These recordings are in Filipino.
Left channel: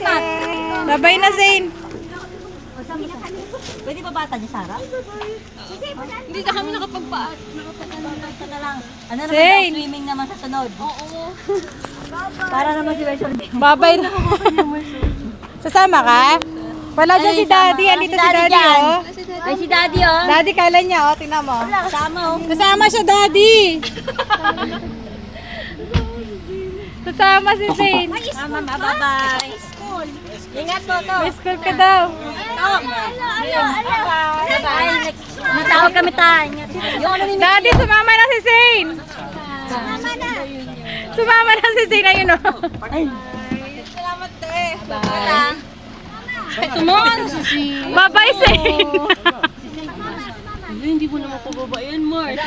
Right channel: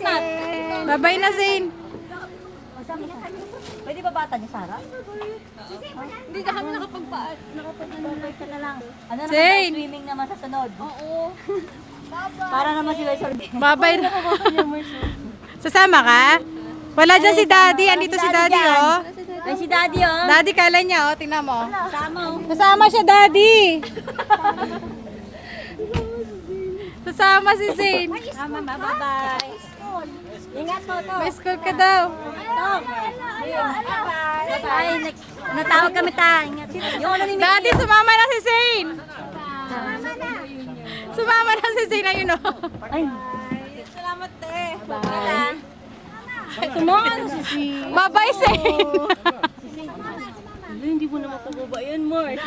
Bye-bye na, Zane. Pwede ba bata niya, Sarah? Hindi na kami nakapagpaan. Ito na lang. Ano naman Zane. daw, swimming naman sa sunod. Oo. Para naman si Wesel. Bye-bye na. Sasama ka? Wala dyan si Daddy. Andito si Daddy, oh. Ay, si Daddy, oh. Daddy, kala niya, oh. Tingnan mo. Sama, oh. Kasama siya, Daddy. Kasama si Zane. Mama, bye-bye. Ingat po to. May school ka daw. Bye-bye. Natawag kami tayo. Yung ano ni Daddy, sumama na si Zane. Sumama na si Zane. Ayun, oh. Salamat, te. Tumawa na si si. Bye-bye, Zane. Hindi mo naman pababayan, Mart.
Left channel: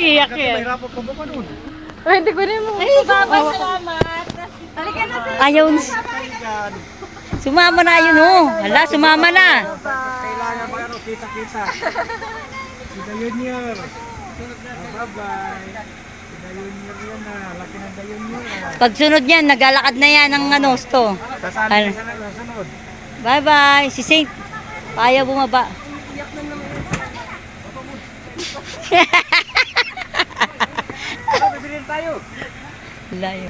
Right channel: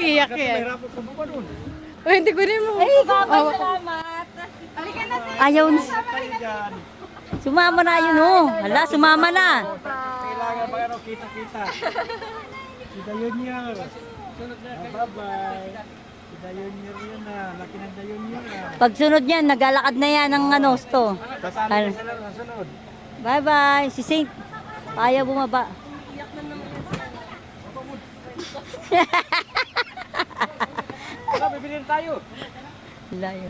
Iyak yan. Oh, hindi ko rin mo. Bye-bye, salamat. Ayaw na. Sumama na yun, oh. Hala, sumama na. Kailangan ba ano, kita-kita. Si Dayonier. Bye-bye. Si Dayonier yan na. Laki ng Dayonier na. Pagsunod niyan, naglalakad na yan ng ano, sto. Sasali ka na sunod. Bye-bye. Si Saint. Ayaw bumaba. Bibili tayo. Layo.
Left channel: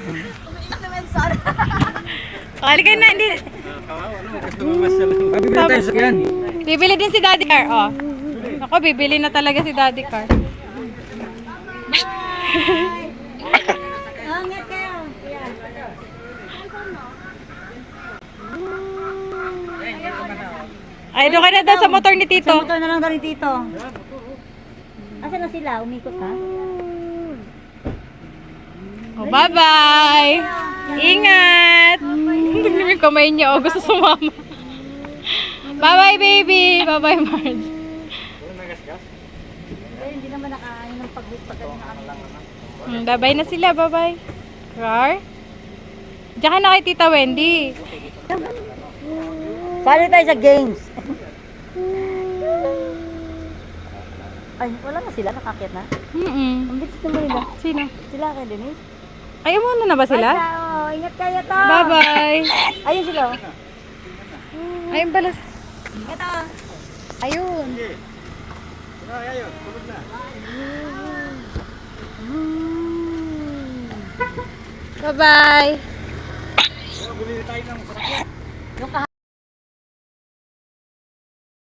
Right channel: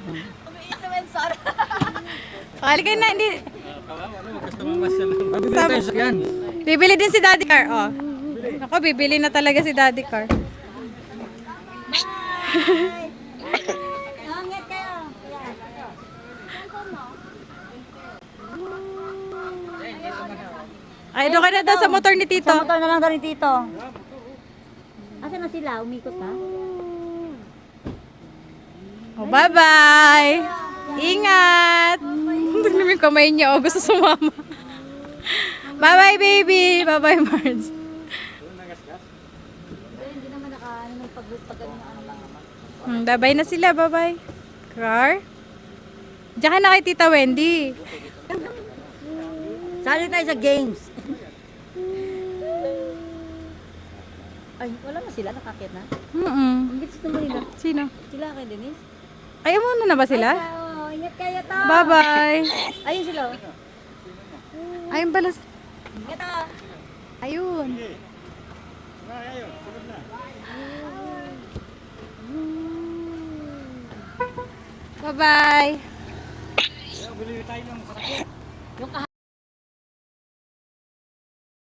Halika na, hindi. Bibili tayo sa yan. Bibili din si Daddy Car, oh. Ako, bibili na talaga si Daddy Car. Angat kayo. Ay, doon ka na daw sa motor ni Tito. Sa motor na lang daw ni Tito. Asa na sila? Umikot ha? Oh, bye-bye. Ingat. Tignan mo yung kamay niya, oh. Gusto sumama. Bye-bye, baby. Bye-bye, Marge. Hindi naman nakaano ng paggaling na kanila. Bye-bye na sila. Bye-bye. Car? Diyan ka na kay Tita Wendy. Sali tayo sa games. Ay, wala na sila. Nakakit na. Ang bilis naman nila. Sino? Sila kay Denise. Ay, umuna na ba sila? Oh, ingat kayo to. Bye-bye. Ayun sila. Oh. Ayun pala. Ito. Ayun. Ayun, sunod na. Bye-bye. Bili tayo ng Yung